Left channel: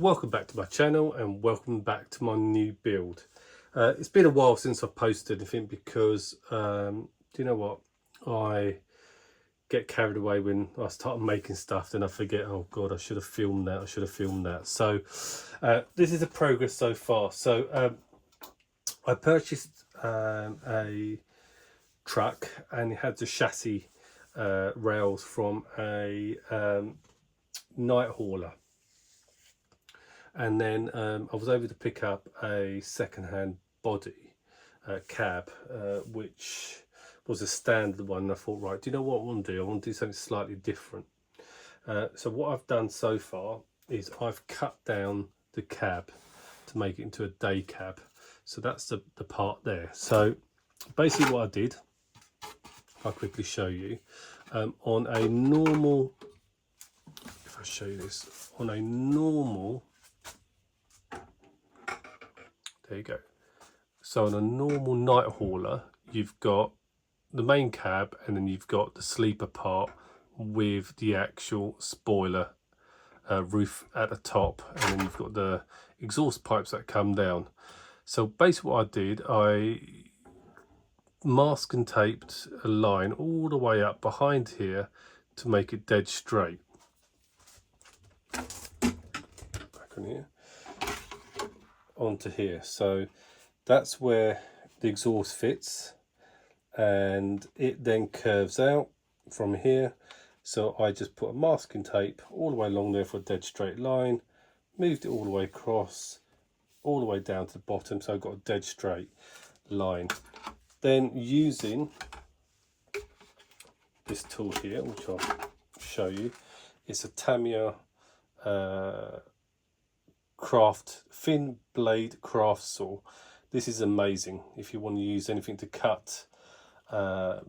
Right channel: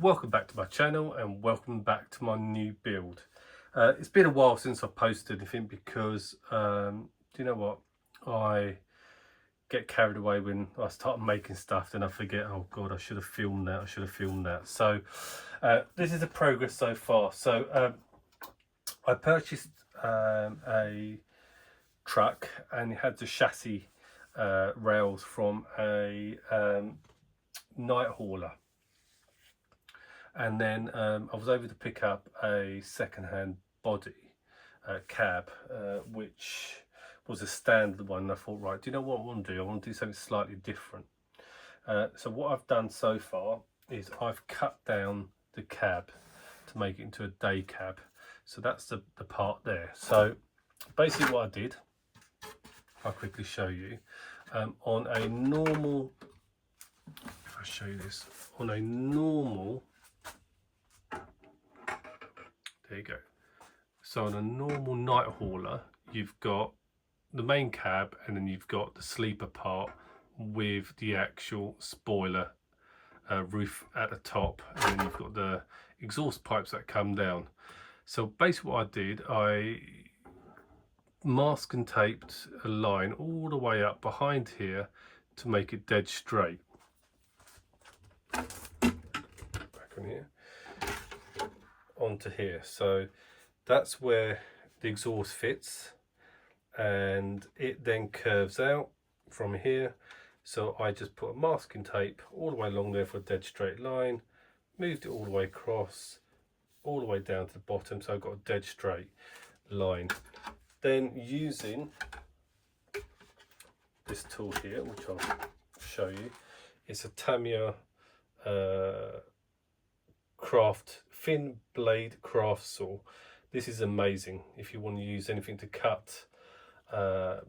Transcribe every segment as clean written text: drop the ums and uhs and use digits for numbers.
Welcome back to my channel and welcome back to my new build. It's been a while since I've posted anything because do you know what, I get carried away when I start making stuff, then I forget, oh god, I should have filmed that. So this is the progress so far. So I purchased a truck and it had the chassis rails from a night hauler. And then I was able to pick up a second-hand body cab, which was a standard one. And I thought, right, do you know what I want to do? I want to do something slightly different. So what I've done so far is I've cut down the cab to make it into a day cab. So that's the part there. So basically what I did, I'll quickly show you, on a normal, if I show you this, on a normal, there you go. So on a normal night hauler, you've got the main cab and then you've got the sleeper part with the actual spoiler roof at the top, and then you've got the exhaust pipes that come down. So basically what I did, I mask and taped a line all the way up behind here to make it dead straight. Back on here. Onto here, so that's where the exhaust fits, and it then curves out from here. So I just put a masking tape all the way along there for a dead straight line, moved it all the way across, all the way down to the bottom, so I've got a dead straight line. Then using this tool here, which I'll show you, it's a Tamiya thin blade craft saw. This is amazing if you want to use anything to cut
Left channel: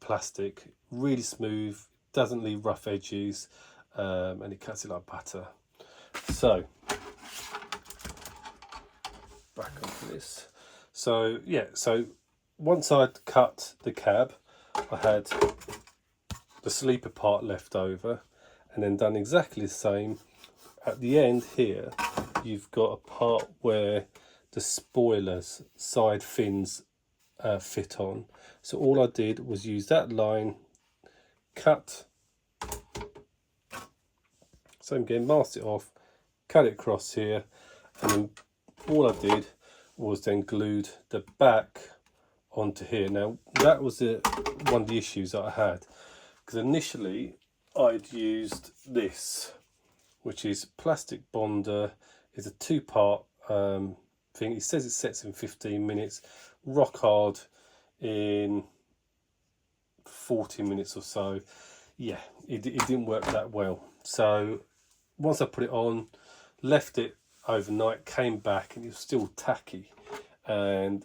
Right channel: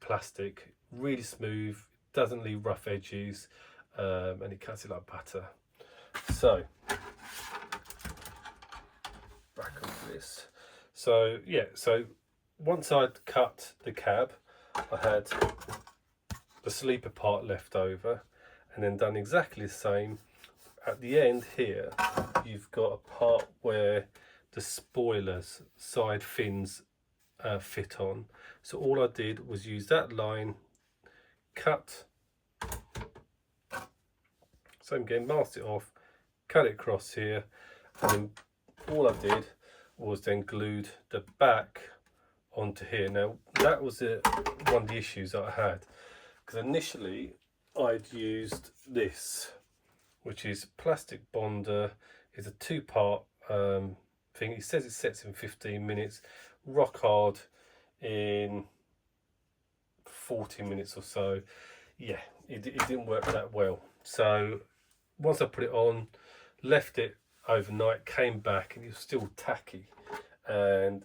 plastic. Really smooth, doesn't leave rough edges, and it cuts it like butter. So back onto this. So yeah, so once I'd cut the cab, I had the sleeper part left over, and then done exactly the same at the end here. You've got a part where the spoilers side fins fit on. So all I did was use that line, cut, so again, masked it off, cut it across here, and then all I did was then glued the back onto here. Now that was one of the issues that I had, because initially I'd used this, which is plastic bonder. It's a two-part thing. It says it sets in 15 minutes, rock hard in 40 minutes or so. Yeah, it didn't work that well. So once I put it on, left it overnight, came back, and it was still tacky. And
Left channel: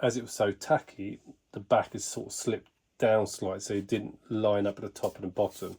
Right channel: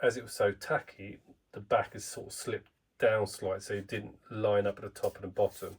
as it was so tacky, the back has sort of slipped down slightly, so it didn't line up at the top and the bottom.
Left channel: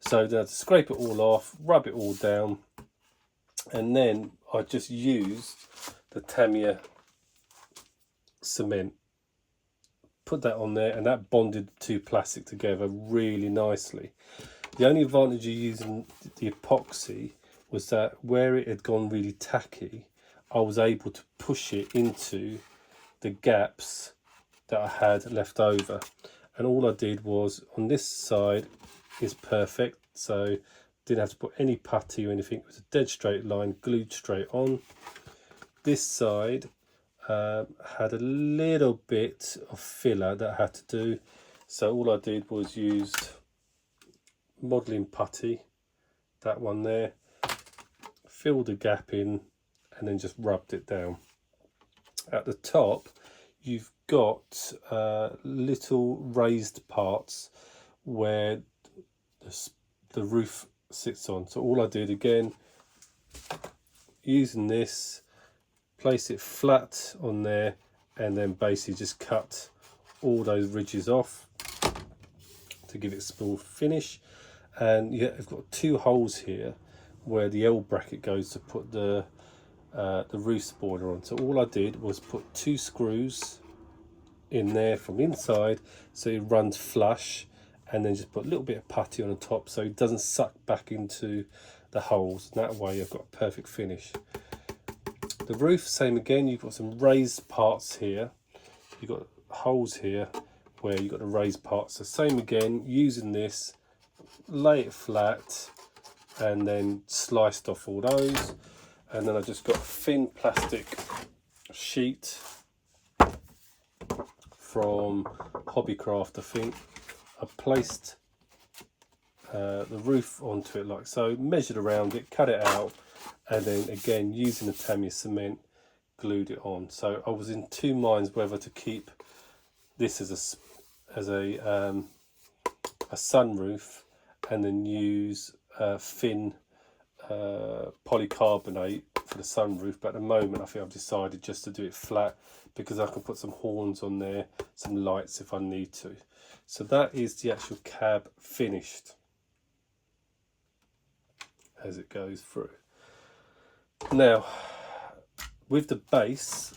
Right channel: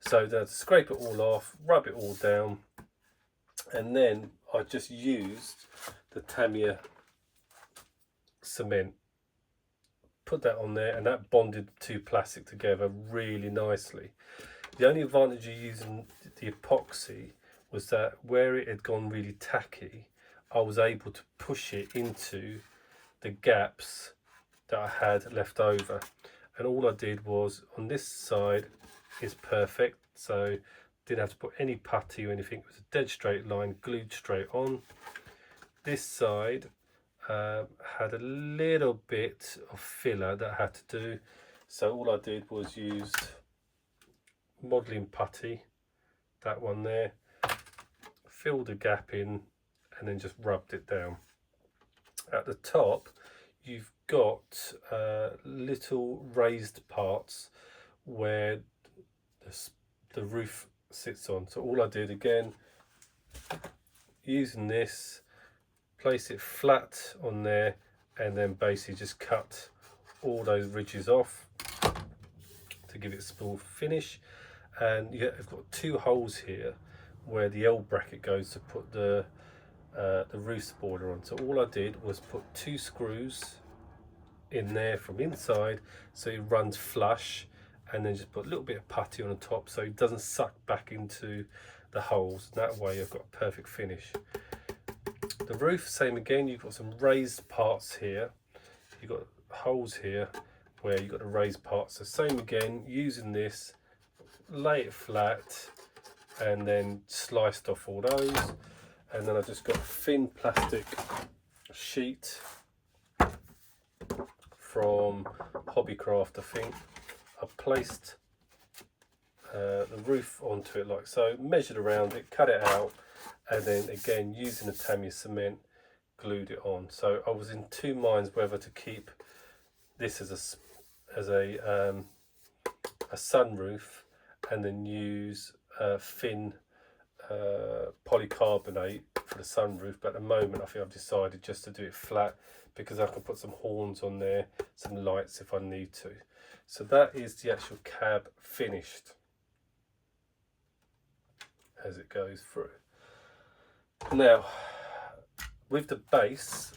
So then I had to scrape it all off, rub it all down, and then I just used the Tamiya cement, put that on there, and that bonded the two plastic together really nicely. The only advantage of using the epoxy was that where it had gone really tacky, I was able to push it into the gaps that I had left over. And all I did was, on this side is perfect, so didn't have to put any putty or anything. It was a dead straight line, glued straight on. This side had a little bit of filler that I had to do, so all I did was used modelling putty, that one there, filled the gap in, and then just rubbed it down. At the top you've got little raised parts where the roof sits on. So all I did, again, using this, place it flat on there, and then basically just cut all those ridges off to give it a smooth finish. And yeah, I've got two holes here where the L bracket goes to put the roof spoiler on. So all I did was put two screws in there from inside so it runs flush, and then just put a little bit of putty on the top so it doesn't suck back into the holes, and that way I've got a perfect finish. The roof, same again, you've got some raised parts here, you've got holes here where you've got the raised parts. So same again, using this, lay it flat and then sliced off all those, and then I just got a thin plastic sheet from Hobbycraft, I think. I placed the roof onto it like so, measured around it, cut it out, and then again using the Tamiya cement glued it on. So I was in two minds whether to keep this as a sunroof and then use thin polycarbonate for the sunroof, but at the moment I think I've decided just to do it flat because I can put some horns on there, some lights if I need to. So that is the actual cab finished as it goes through. Now with the base,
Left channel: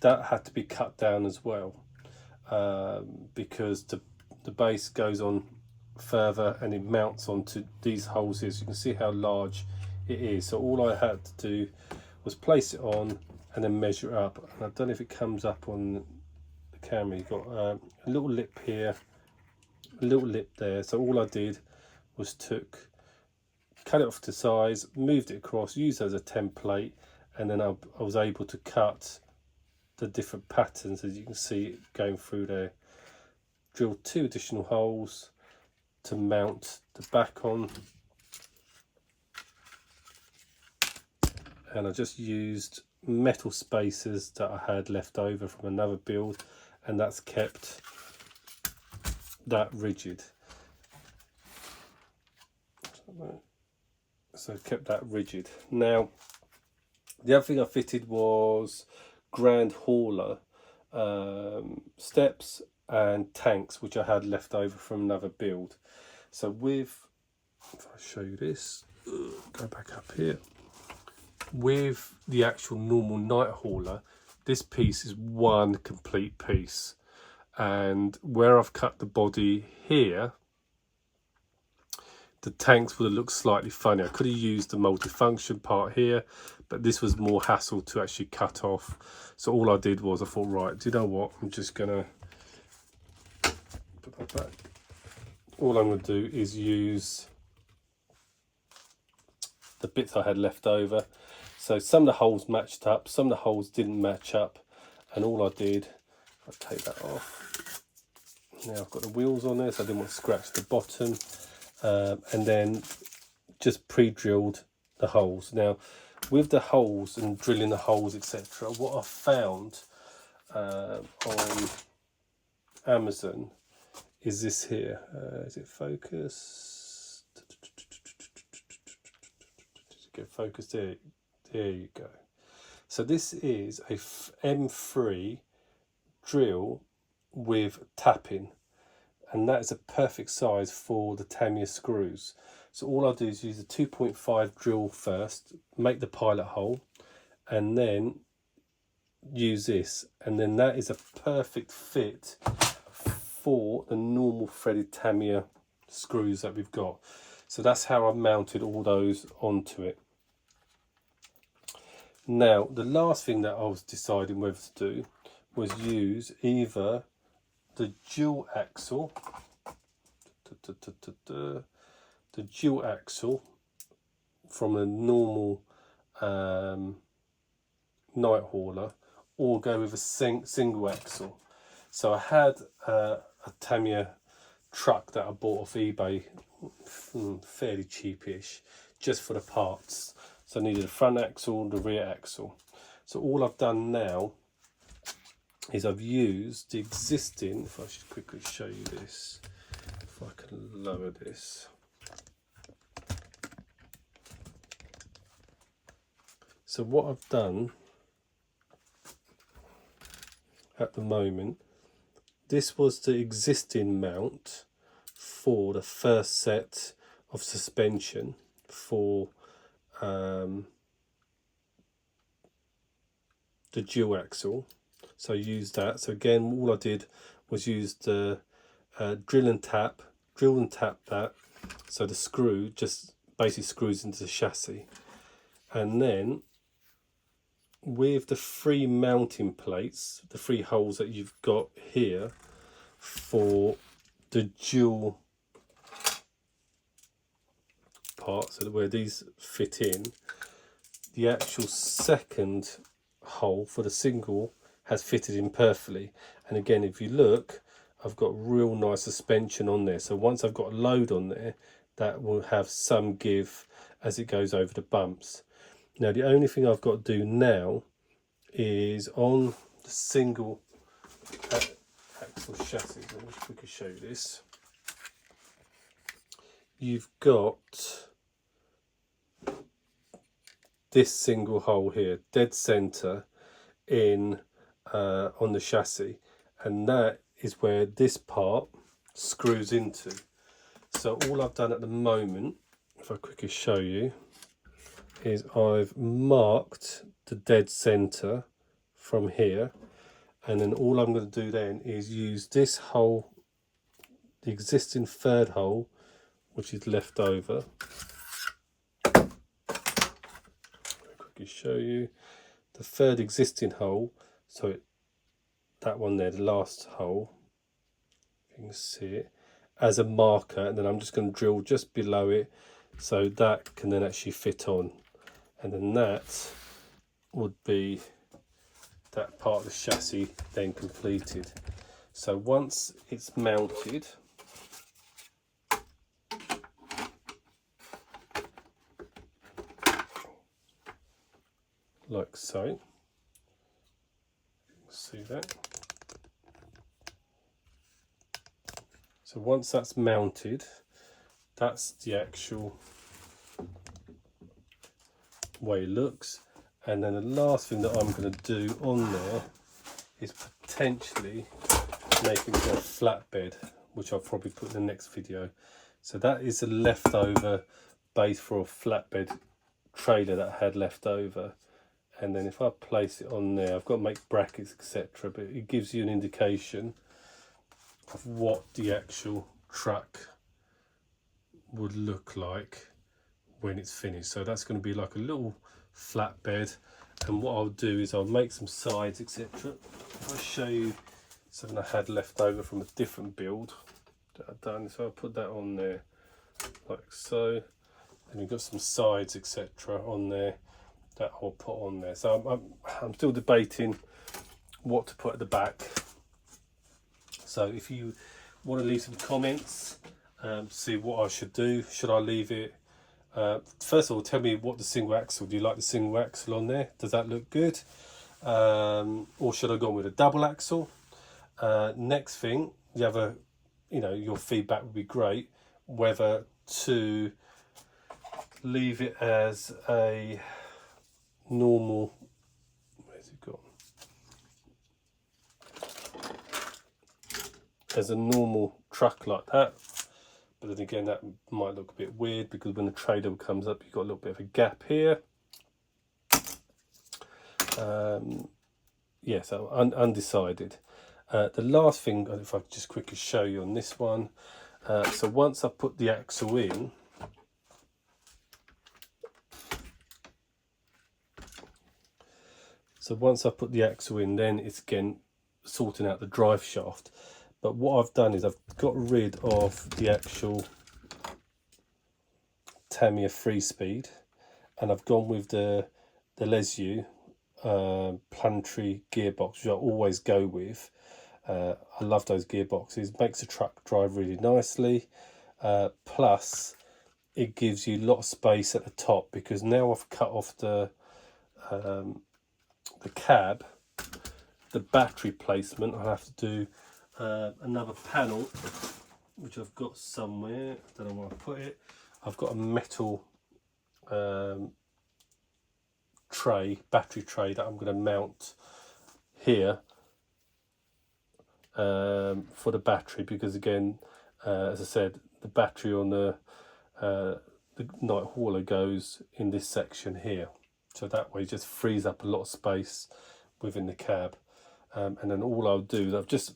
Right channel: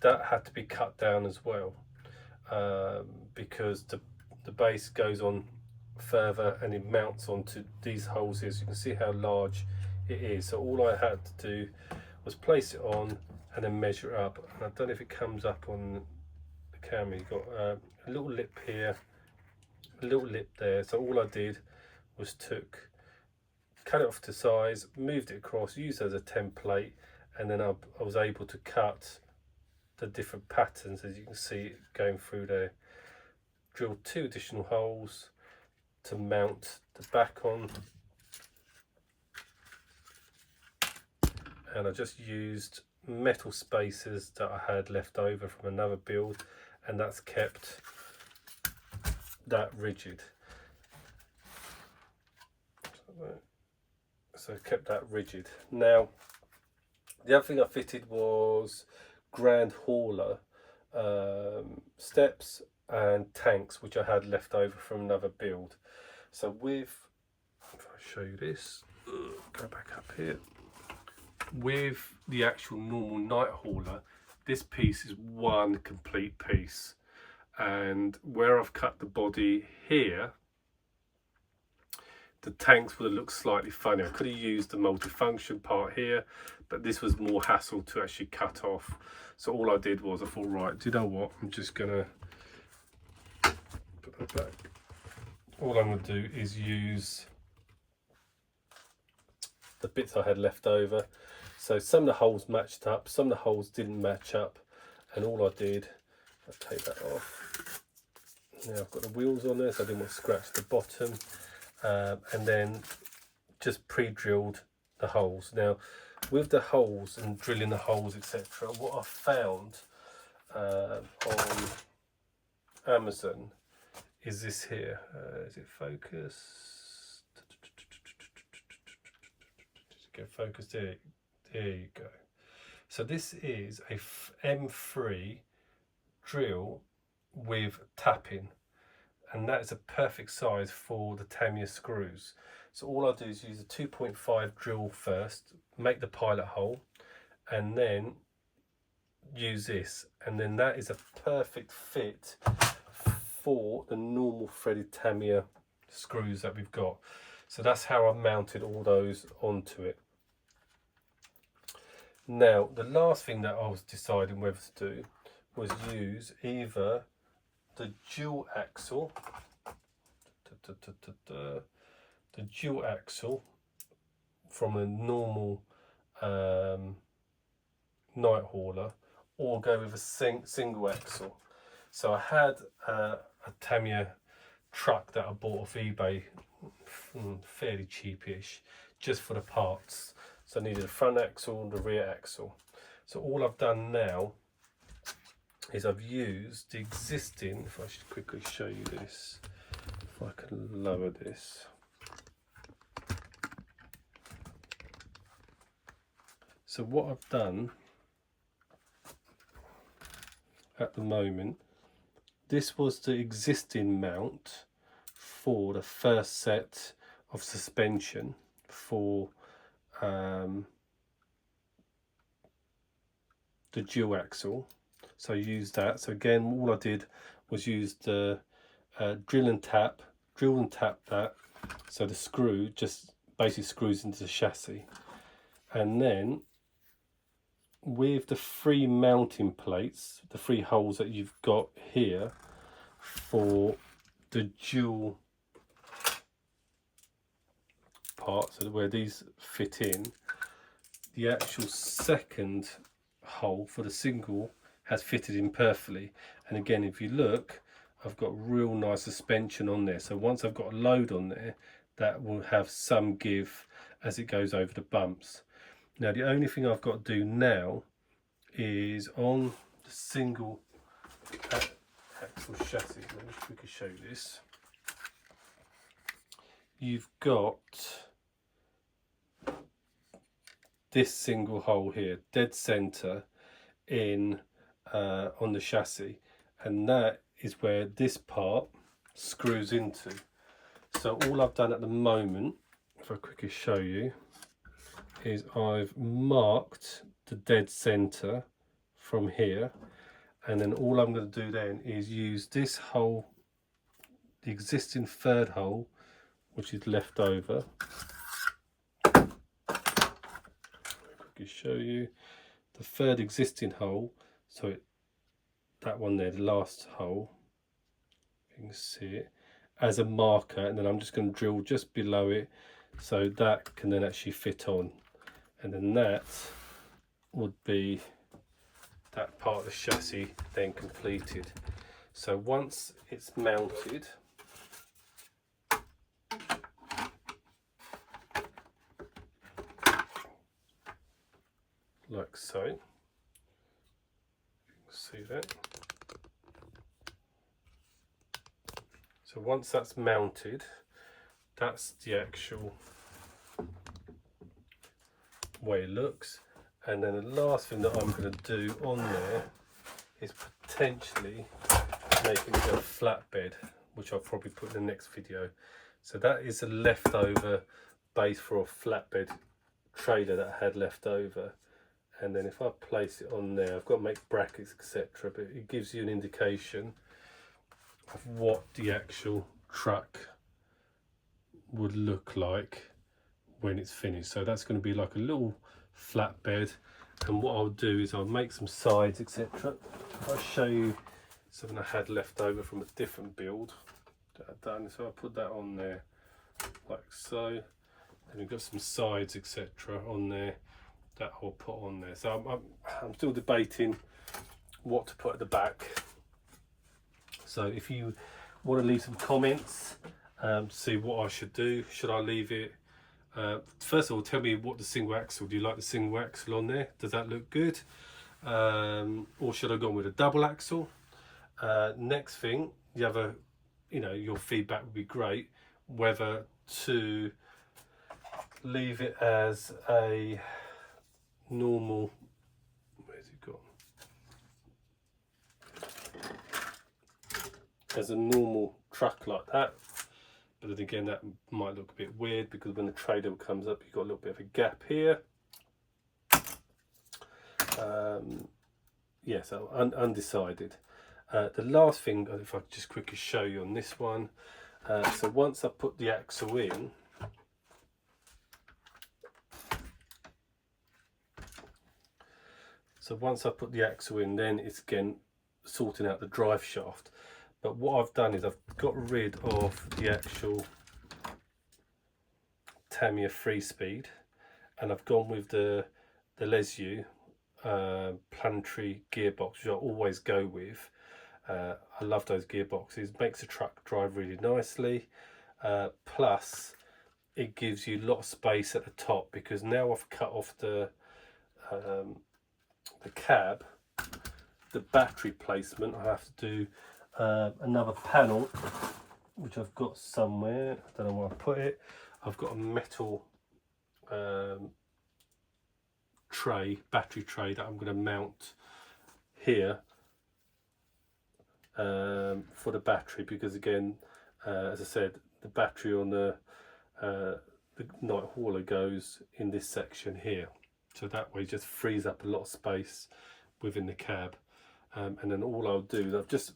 that had to be cut down as well, because the base goes on further and it mounts onto these holes here, so you can see how large it is. So all I had to do was place it on and then measure it up. And I don't know if it comes up on the camera. You've got a little lip here, a little lip there. So all I did was cut it off to size, moved it across, used it as a template, and then I was able to cut the different patterns as you can see going through there. Drilled 2 additional holes to mount the back on, and I just used metal spacers that I had left over from another build, and that's kept that rigid. So kept that rigid. Now the other thing I fitted was grand hauler steps and tanks, which I had left over from another build. So if I show you this, go back up here, with the actual normal night hauler, this piece is one complete piece, and where I've cut the body here, the tanks would have looked slightly funny. I could have used the multifunction part here, but this was more hassle to actually cut off. So all I did was I thought, right, do you know what, I'm just gonna put that back. All I'm going to do is use the bits I had left over. So some of the holes matched up, some of the holes didn't match up, and all I did, I'll take that off. Now I've got the wheels on there, so I didn't want to scratch the bottom, and then just pre-drilled the holes. Now with the holes and drilling the holes, etc., what I found on Amazon is this here. Is it focused? Get focused there. There you go. So this is a M3 drill with tapping, and that is a perfect size for the Tamiya screws. So all I do is use a 2.5 drill first, make the pilot hole, and then use this, and then that is a perfect fit for the normal threaded Tamiya screws that we've got. So that's how I've mounted all those onto it. Now the last thing that I was deciding whether to do was use either the dual axle, from a normal night hauler, or go with a single axle. So I had a Tamiya truck that I bought off eBay, fairly cheapish, just for the parts. So I needed a front axle and the rear axle. So all I've done now is I've used the existing, if I should quickly show you this, if I can lower this. So what I've done at the moment, this was the existing mount for the first set of suspension for the dual axle. So I used that. So again, all I did was use the drill and tap that, so the screw just basically screws into the chassis. And then with the 3 mounting plates, the 3 holes that you've got here for the dual parts, so where these fit in, the actual second hole for the single has fitted in perfectly. And again, if you look, I've got real nice suspension on there. So once I've got a load on there, that will have some give as it goes over the bumps. Now the only thing I've got to do now is on the single axle chassis, let me quickly show you this. You've got this single hole here, dead center in on the chassis, and that is where this part screws into. So all I've done at the moment, if I quickly show you, is I've marked the dead center from here, and then all I'm going to do then is use this hole, the existing third hole, which is left over. Quickly show you the third existing hole, so that one there, the last hole, you can see it, as a marker, and then I'm just going to drill just below it so that can then actually fit on, and then that would be that part of the chassis then completed. So once it's mounted, like so, see that? So once that's mounted, that's the actual way it looks. And then the last thing that I'm going to do on there is potentially make it into a flatbed, which I'll probably put in the next video. So that is a leftover base for a flatbed trailer that I had left over. And then if I place it on there, I've got to make brackets, etc., but it gives you an indication of what the actual truck would look like when it's finished. So that's going to be like a little flatbed, and what I'll do is I'll make some sides, etc. I'll show you something I had left over from a different build that I've done. So I'll put that on there like so, and we've got some sides, etc., on there that I'll put on there. So I'm still debating what to put at the back. So if you want to leave some comments, see what I should do. Should I leave it, first of all, tell me what the single axle, do you like the single axle on there? Does that look good? Or should I go with a double axle? Next thing, you have a, your feedback would be great, whether to leave it as a normal, where's it gone? As a normal truck like that, but then again that might look a bit weird because when the trailer comes up you've got a little bit of a gap here. Yeah, so undecided. The last thing, if I could just quickly show you on this one, so once I put the axle in, then it's again sorting out the drive shaft. But what I've done is I've got rid of the actual Tamiya 3-speed, and I've gone with the Lesu planetary gearbox, which I always go with. I love those gearboxes, makes the truck drive really nicely, plus it gives you a lot of space at the top, because now I've cut off the cab, the battery placement. I have to do another panel, which I've got somewhere, I don't know where I put it. I've got a metal battery tray that I'm going to mount here for the battery, because again, as I said, the battery on the night hauler goes in this section here, so that way it just frees up a lot of space within the cab. And then all I'll do is I've just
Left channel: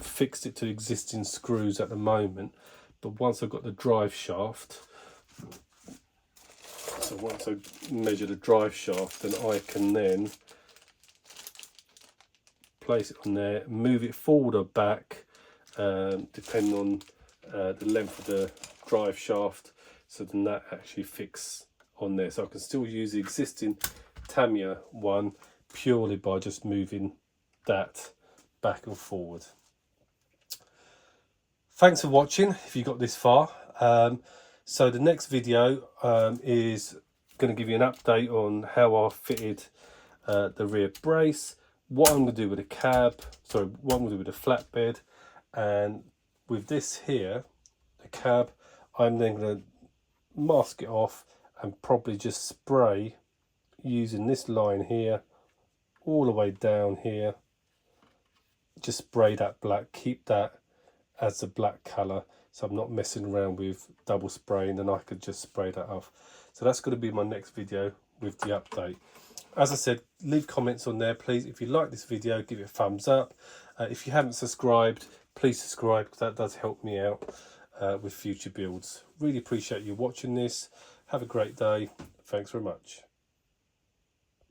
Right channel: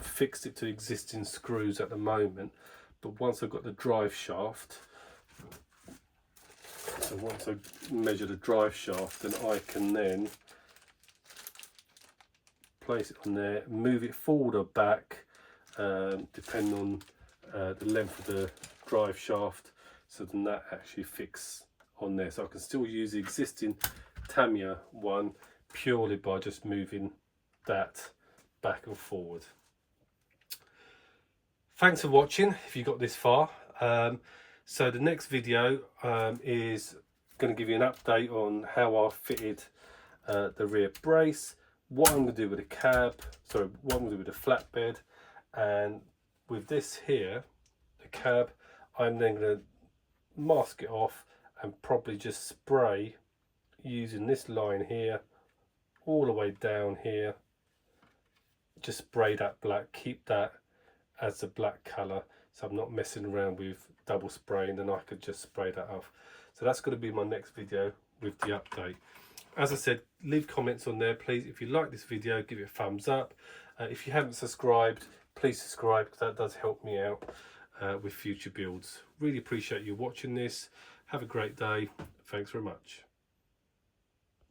fixed it to existing screws at the moment, but once I've got the drive shaft, So once I measure the drive shaft, then I can then place it on there, move it forward or back, depending on the length of the drive shaft, so then that actually fits on there. So I can still use the existing Tamiya one purely by just moving that back and forward. Thanks for watching if you got this far. So the next video is going to give you an update on how I fitted the rear brace, what I'm going to do with the cab, sorry, what I'm going to do with the flatbed, and with this here, the cab, I'm then going to mask it off and probably just spray using this line here all the way down here. Just spray that black, keep that as the black colour, so I'm not messing around with double spraying, then I could just spray that off. So that's going to be my next video with the update. As I said, leave comments on there please. If you like this video, give it a thumbs up. If you haven't subscribed, please subscribe, because that does help me out with future builds. Really appreciate you watching this. Have a great day. Thanks very much.